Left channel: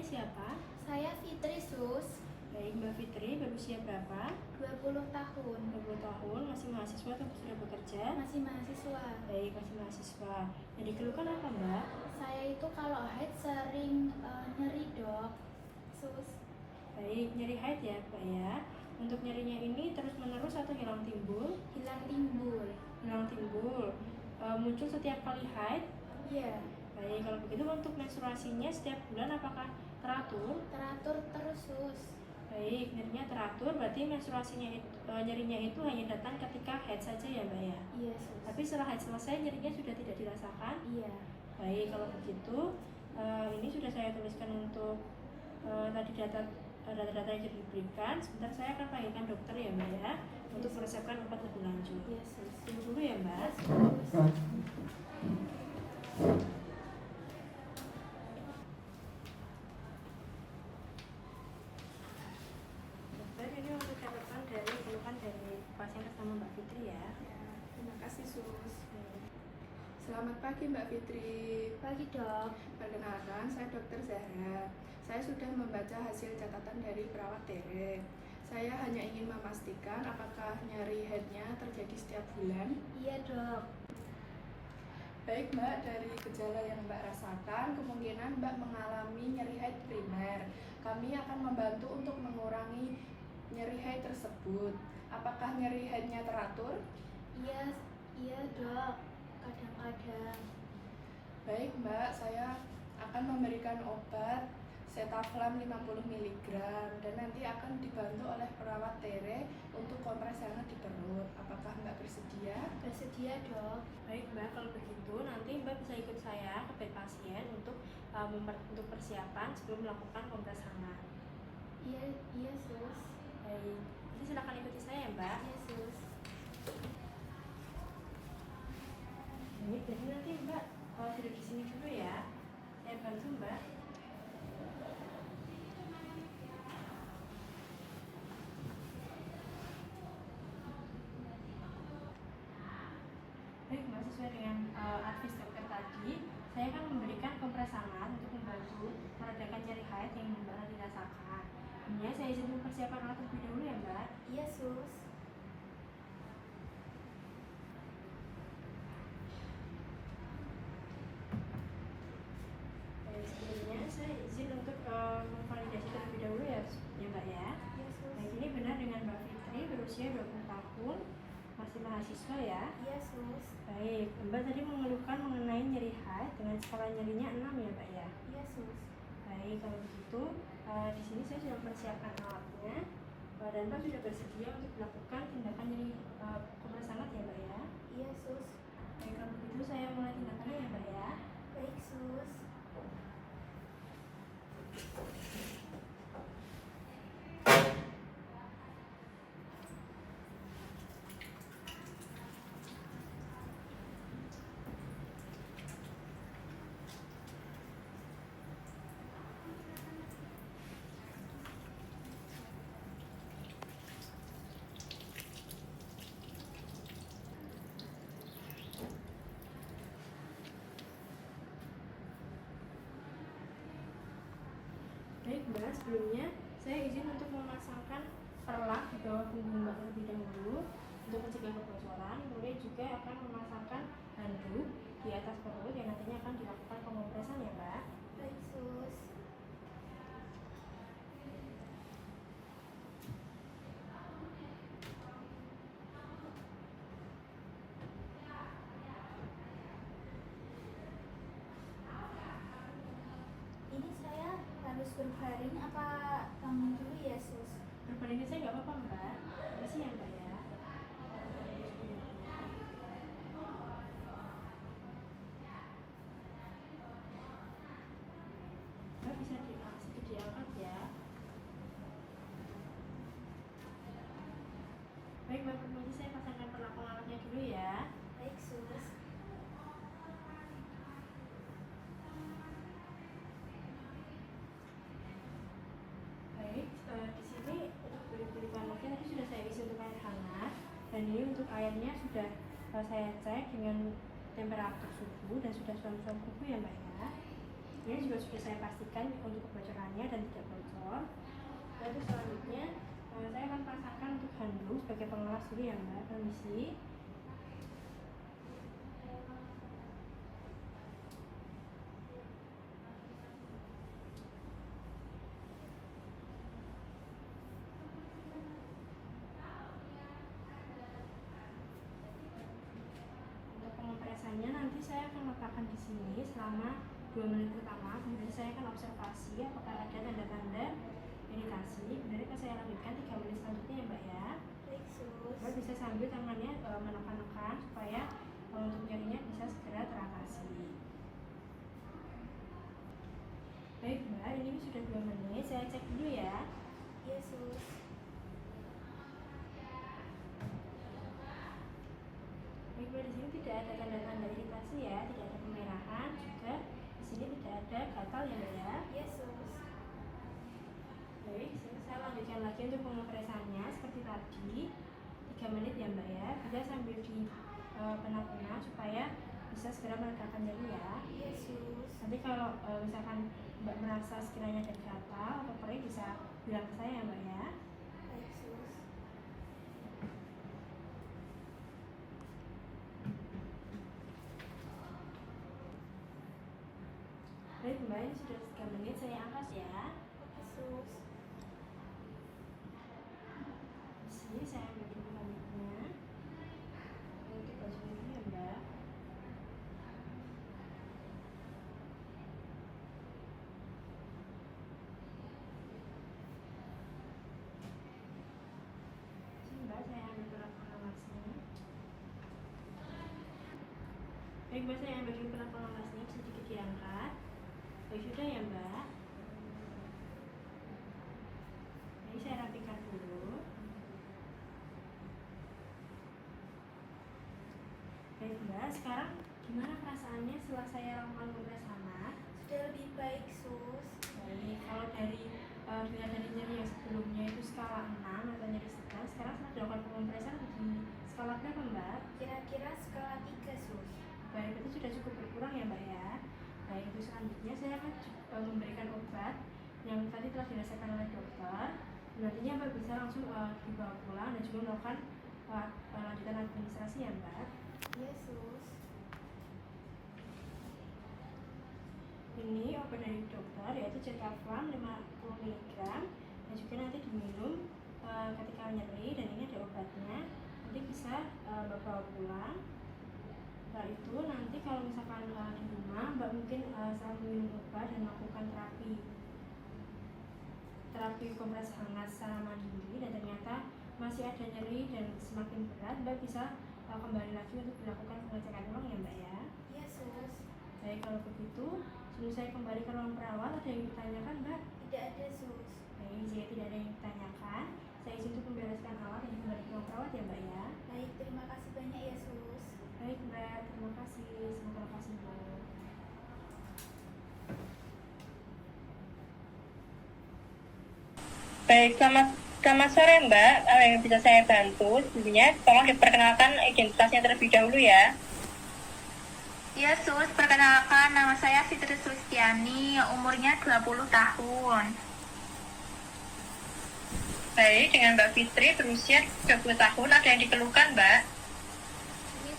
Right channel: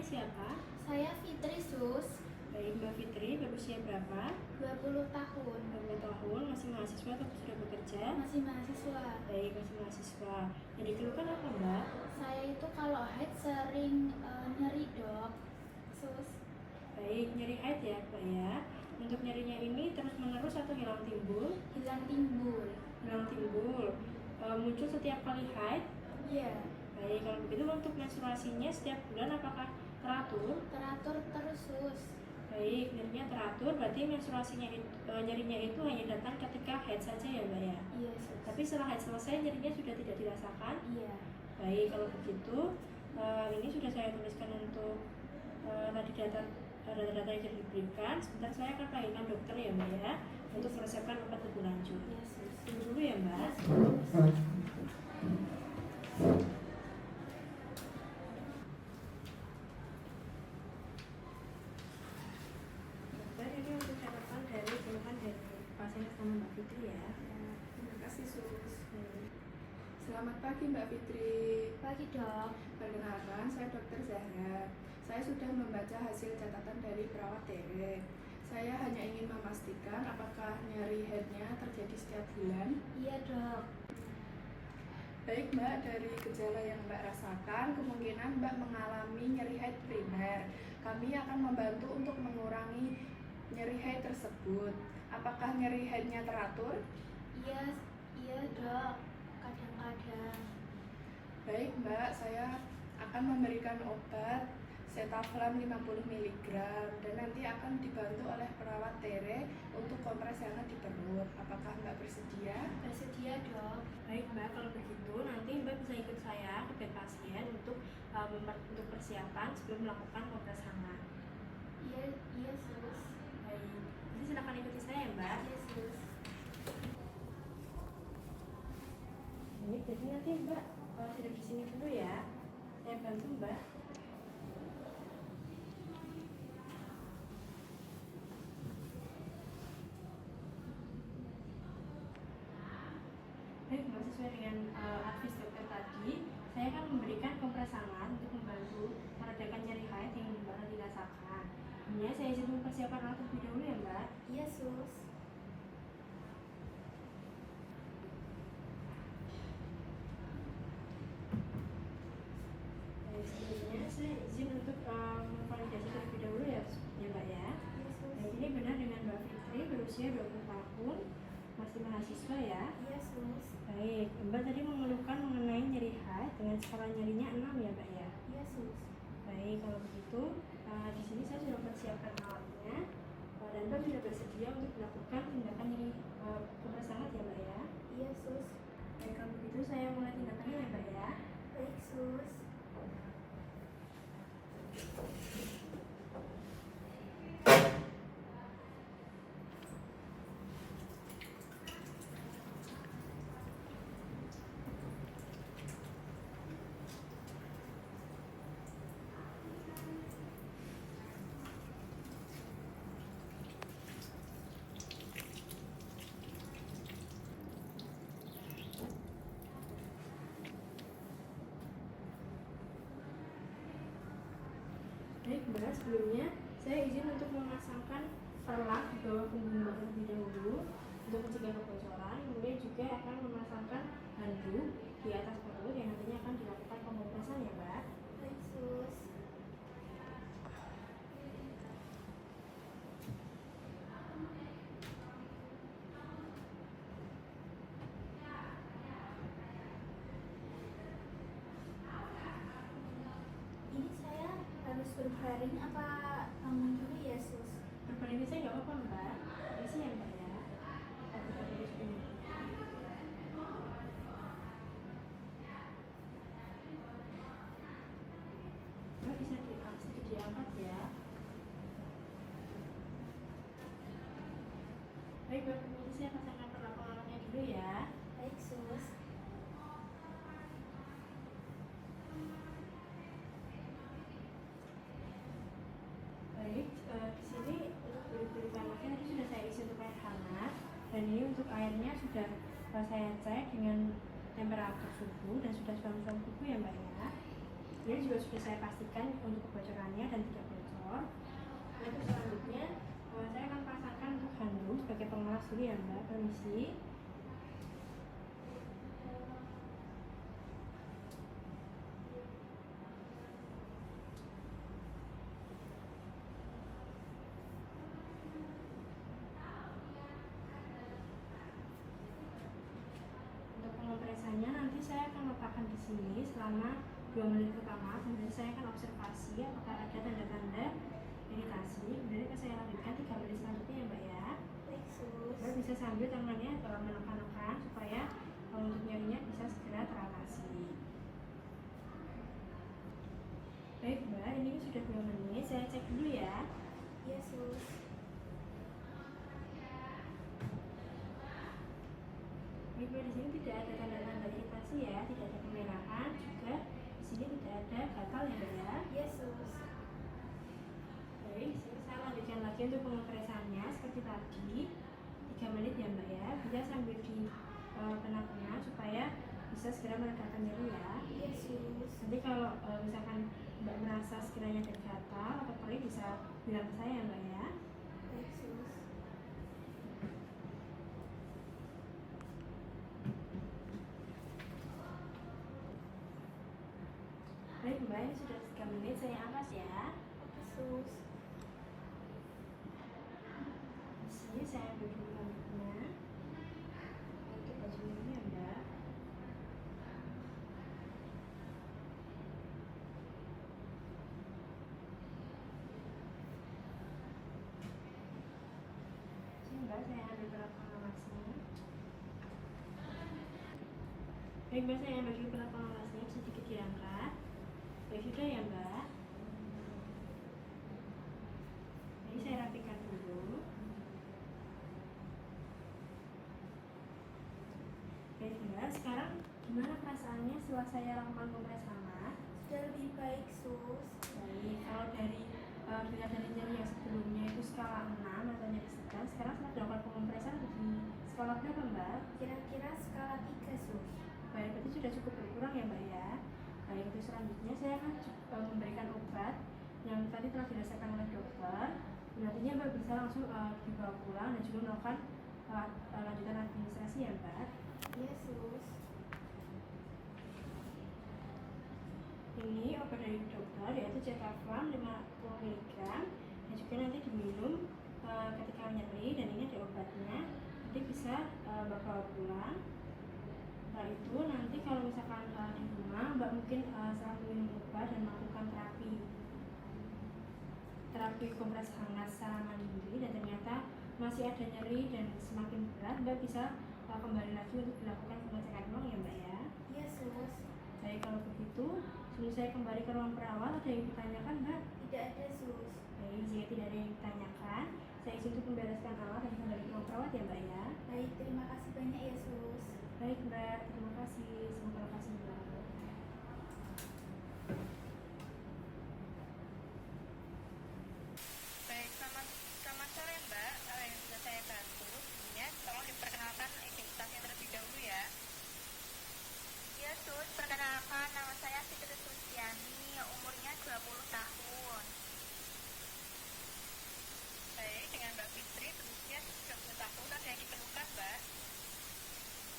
namanya siapa? Saya Fitri Sus, Baik, Mbak Fitri, berusia berapa? 20 tahun, 20 tahun, masih mahasiswa atau sudah bekerja? masih mahasiswa. Baik, masih mahasiswa. Yang dikeluhkan apa, Mbak? Saya itu kalau haid sering nyeri dok, Sus. Baik, nyeri haid ya, Mbak ya. Untuk nyerinya ini terus-menerus atau hilang timbul? Hilang timbul. Hilang timbul. Muncul setiap kali haid? Iya, Baik, kalau begitu untuk menstruasinya setiap bulan apakah teratur? teratur terus Sus. Baik, nyerinya teratur, berarti menstruasinya nyerinya itu hanya datang ketika haid saja ya, Mbak ya? Iya Sus. Tapi setelah haid selesai nyerinya sudah tidak dirasakan? Iya. Baik, kalau begitu ini sudah saya tuliskan untuk tadi data-data yang diberikan. Sebentar saya akan panggilkan dokter ya, Mbak ya, untuk meresepkan obat lebih lanjut. Iya Sus. Tunggu dulu ya, Mbak. Iya Sus. Dokter, ini untuk catatan dari keluhan dari pasien pertama Mbak Fitri ya. Ya, terima kasih Sus. Baik. Selamat pagi Mbak Fitri. Pagi dok. Perkenalkan, saya Dr. Zahra. Saya sudah membaca hasil catatan dari perawat Tere. Saya hanya ingin memastikan apakah nyeri headnya terjadi setiap bulan. Iya dok. Baik Mbak, dari gejala yang Mbak rasakan, kemungkinan Mbak mengalami nyeri head primer. Kami akan membantu untuk mengurangi nyeri head tersebut. Apakah nyeri headnya teratur? Iya dok. Kadang-kadang. Baik Mbak, saya akan memberikan obat Setaflam 50 mg dan nanti akan dibantu oleh perawat Tere untuk kompres hangat di perut. Apakah Mbak bersedia? Bersedia dok. Baik Mbak, kalau begitu nanti Mbak bisa ikut saya ke bed pasien untuk persiapan sebelum melakukan kompres hangat. Iya Sus. Baik, nanti silakan ikuti saya ya, Mbak. Iya Sus. Ini jadi nanti Mbak sudah di sini dulu ya. Saya bantu Mbak. Baik Mbak, sesuai dengan advice dokter tadi, saya akan memberikan kompres hangat untuk membantu meredakan nyeri haid yang Mbak nanti rasakan. Ini saya izin mempersiapkan alat terlebih dahulu ya Mbak. Iya Sus. Baik, sebelumnya saya izin untuk memvalidasi terlebih dahulu ya Mbak ya. Iya Sus. Baik, ini benar dengan Mbak Fitri, berusia 20 tahun, masih mahasiswa ya. Iya Sus. Baik, Mbak tadi mengeluhkan mengenai nyeri haid dengan skala nyerinya 6 ya Mbak ya. Iya Sus. Baik, kalau begitu di sini saya sudah mempersiapkan alatnya dan Mbak sudah bersedia untuk melakukan tindakan nyeri kompres hangat ya Mbak ya. Iya Sus. Baik, kalau begitu saya mulai tindakannya ya Mbak ya. Baik Sus. Baik Mbak, sebelumnya saya izin untuk memasangkan perlak di bawah punggung Mbak terlebih dahulu untuk mencegah kebocoran. Kemudian juga akan memasangkan handuk di atas perut yang nantinya akan dilakukan pengompresan ya Mbak. Baik Sus. Ini saya harus berbaring apa bangun dulu ya Sus? Berbaring saya nggak apa-apa Mbak, isi ya Mbak ya. Mbak bisa sedikit diangkat ya. Baik Mbak, kemudian saya pasangkan perlak pengamannya dulu ya. Baik Sus. Baik, di sini untuk beri panasnya tadi sudah saya isi untuk air hangat dan ini untuk airnya sudah saya cek dengan temperatur suhu dan sudah suam-suam kuku ya Mbak ya. Ini juga sudah saya pastikan untuk kebocorannya dan tidak bocor. Nah, itu selanjutnya saya akan pasangkan untuk handuk sebagai pengelas dulu ya Mbak. Permisi. Untuk pengompresannya nanti saya akan letakkan di sini selama 2 menit pertama. Kemudian saya akan observasi apakah ada tanda-tanda iritasi. Kemudian akan saya lanjutkan 3 menit selanjutnya ya Mbak ya. Baik, Sus. Mbak bisa sambil tangannya menekan-nekan supaya untuk nyerinya bisa segera teratasi. Baik Mbak, ini sudah 2 menit. Saya cek dulu ya. Iya, Sus. Baik Mbak, di sini tidak ada tanda-tanda iritasi ya, tidak ada kemerahan, juga di sini tidak ada gatal ya Mbak ya. Iya, Sus. Baik, sini saya lanjutkan lagi untuk pengopresannya seperti tadi 3 menit ya Mbak ya. Bisa sambil di pena-pena supaya bisa segera meredakan nyeri ya. Iya, Sus. Nanti kalau misalkan Mbak merasa sekiranya ada gatal atau perih bisa bilang ke saya ya Mbak ya. Baik, Sus. Baik Mbak, ini sudah 3 menit, saya angkat ya. Oke, Sus. Di sini saya ambil dulu rambutnya untuk baju ini ya Mbak. Sini Mbak, saya ambil perlat pengamasnya. Baik Mbak, saya ambil dulu perlat pengamasnya, sedikit diangkat. Baik, sudah ya Mbak. Ini saya rapikan dulu. Baik Mbak, sekarang gimana perasaannya setelah saya lakukan kompres hangat? Sudah lebih baik, Sus. Baik, kalau dari bila dari nyeri yang sebelumnya itu skala 6 atau nyeri sedang, sekarang setelah dilakukan pengompresan ada di skala berapa Mbak? Kira-kira skala 3, Sus. Baik, berarti sudah cukup berkurang ya Mbak ya. Baik, itu selanjutnya saya akan memberikan obat yang tadi telah dirasakan oleh dokter. Nantinya Mbak bisa langsung dibawa pulang dan juga melakukan lanjutan administrasi ya Mbak. Iya, Sus. Ini obat dari dokter yaitu Cetaplam 50 mg dan juga nanti diminum ketika nyeri, dan ini ada obatnya. Nanti bisa Mbak bawa pulang. Setelah itu nanti kalau misalkan di rumah Mbak mungkin setelah minum obat dan melakukan terapi kompres hangat secara mandiri dan ternyata masih ada nyeri dan semakin berat, Mbak bisa kembali lagi untuk dilakukan pengecekan ulang ya Mbak ya. Iya, Sus. Baik, kalau begitu sebelum saya kembali ke ruang perawat ada yang ditanyakan Mbak? Tidak ada, Sus. Baik, jika tidak ada yang ditanyakan, saya izin untuk membereskan alat dan kembali ke ruang perawat ya Mbak ya. Baik, terima kasih banyak ya, Sus. Baik Mbak, terima kasih. Semoga lekas sembuh. Baik, selamat sore Mbak. Apa yang bisa saya bantu? Sebelumnya, tolong diperkenalkan identitasnya terlebih dahulu ya. Ya Sus, perkenalkan nama saya Fitri Sustiani, umurnya 20 tahun. Baik, dengan Mbak Fitri berusia 20 tahun, ada yang dikeluhkan Mbak?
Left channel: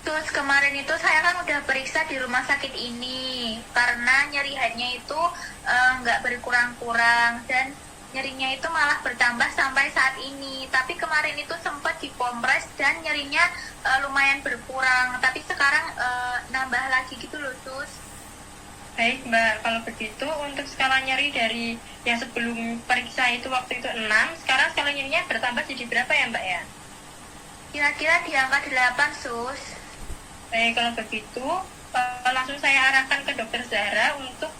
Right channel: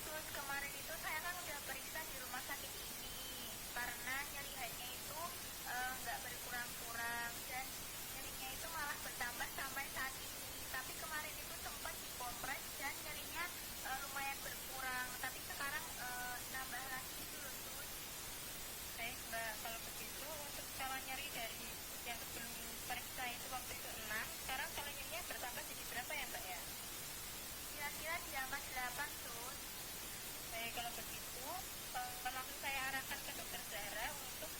Sus, kemarin itu saya kan udah periksa di rumah sakit ini karena nyeri headnya itu nggak berkurang-kurang dan nyerinya itu malah bertambah sampai saat ini. Tapi kemarin itu sempat dikompres dan nyerinya lumayan berkurang, tapi sekarang nambah lagi gitu loh Sus. Baik Mbak, kalau begitu untuk skala nyeri dari yang sebelum periksa itu waktu itu 6, sekarang skala nyerinya bertambah jadi berapa ya Mbak ya? Kira-kira di angka 8 Sus. Baik, kalau begitu langsung saya arahkan ke Dokter Zahra untuk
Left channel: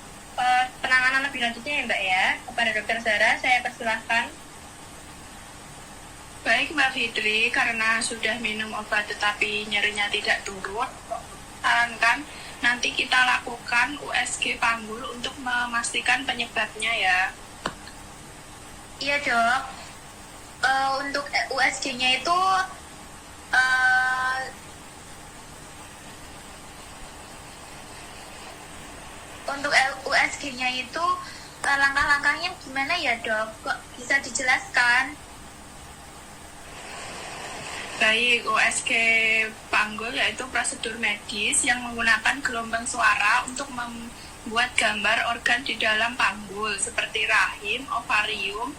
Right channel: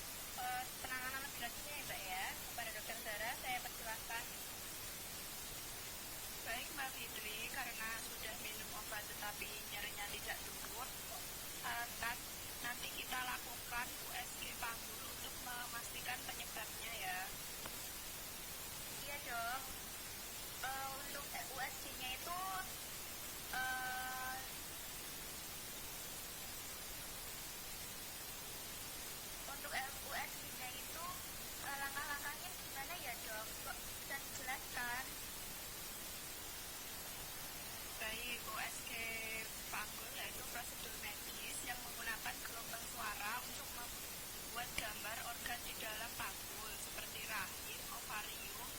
penanganan lebih lanjutnya ya Mbak ya. Kepada Dokter Zahra saya persilahkan. Baik Mbak Fitri, karena sudah minum obat tetapi nyerinya tidak turun, sarankan nanti kita lakukan USG panggul untuk memastikan penyebabnya ya. Iya dok. Untuk USG-nya itu untuk USG-nya USG-nya itu langkah-langkahnya gimana ya dok? Kok bisa dijelaskan? Baik, USG panggul yaitu prosedur medis yang menggunakan gelombang suara untuk membuat gambar organ di dalam panggul seperti rahim, ovarium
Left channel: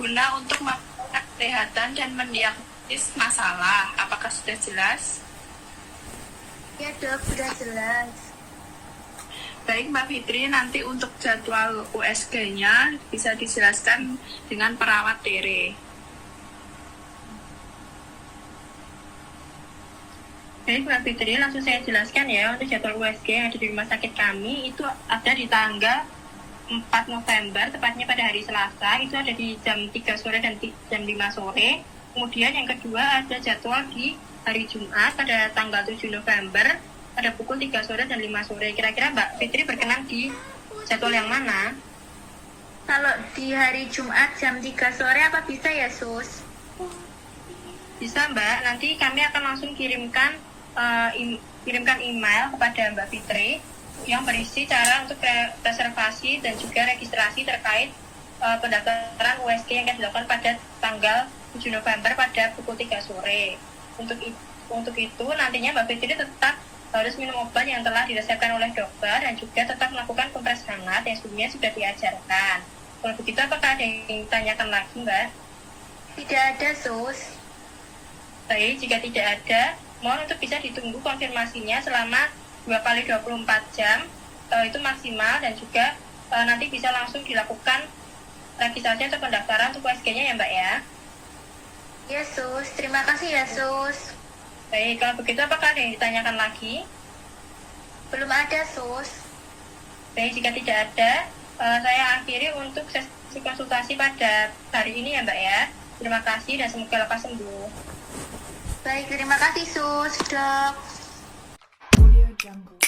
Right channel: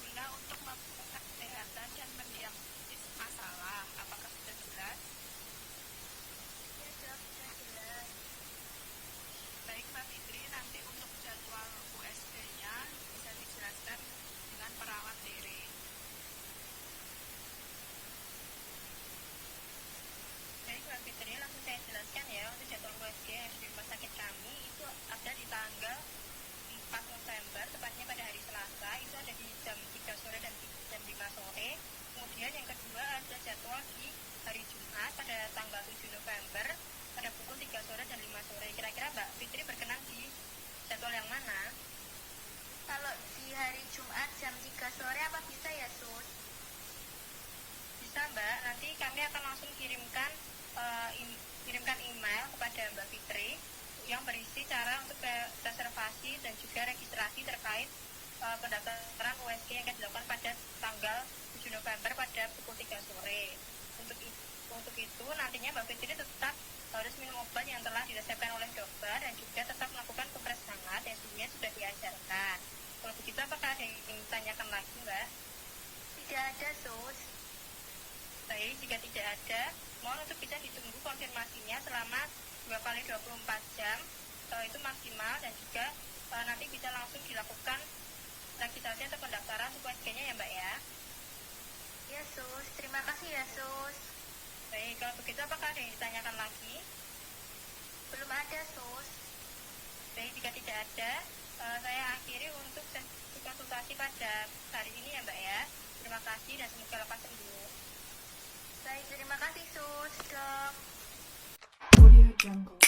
guna untuk memperhatikan kesehatan dan mendiagnosis masalah. Apakah sudah jelas? Ya dok, sudah jelas. Baik Mbak Fitri, nanti untuk jadwal USG-nya bisa dijelaskan dengan perawat Tere. Baik Mbak Fitri, langsung saya jelaskan ya untuk jadwal USG yang ada di rumah sakit kami itu ada di tanggal 4 November, tepatnya pada hari Selasa, itu ada di jam 3 sore dan jam 5 sore. Kemudian yang kedua ada jadwal di hari Jumat pada tanggal 7 November pada pukul 3 sore dan 5 sore. Kira-kira Mbak Fitri berkenan di jadwal yang mana? Kalau di hari Jumat jam 3 sore apa bisa ya sus? Bisa Mbak, nanti kami akan langsung kirimkan email kepada Mbak Fitri yang berisi cara untuk reservasi dan juga registrasi terkait pendaftaran USG yang akan dilakukan pada tanggal 7 November pada pukul 3 sore. Untuk itu nantinya Mbak Fitri tetap harus minum obat yang telah diresepkan oleh dokter dan juga tetap melakukan kompres hangat yang sebelumnya sudah diajarkan. Kalau begitu apakah ada yang ditanyakan lagi Mbak? Tidak ada sus. Baik, jika tidak ada, mohon untuk bisa ditunggu konfirmasinya selama 2x24 jam itu maksimal dan juga nanti bisa langsung dilakukan registrasi atau pendaftaran untuk USG-nya ya Mbak ya. Ya sus, terima kasih ya sus. Baik, kalau begitu apakah ada yang ditanyakan lagi? Belum ada sus. Baik, jika tidak ada, saya akhiri untuk sesi konsultasi pada hari ini ya Mbak ya. Terima kasih dan semoga lekas sembuh. Baik, terima kasih sus dok. Audio Jungle.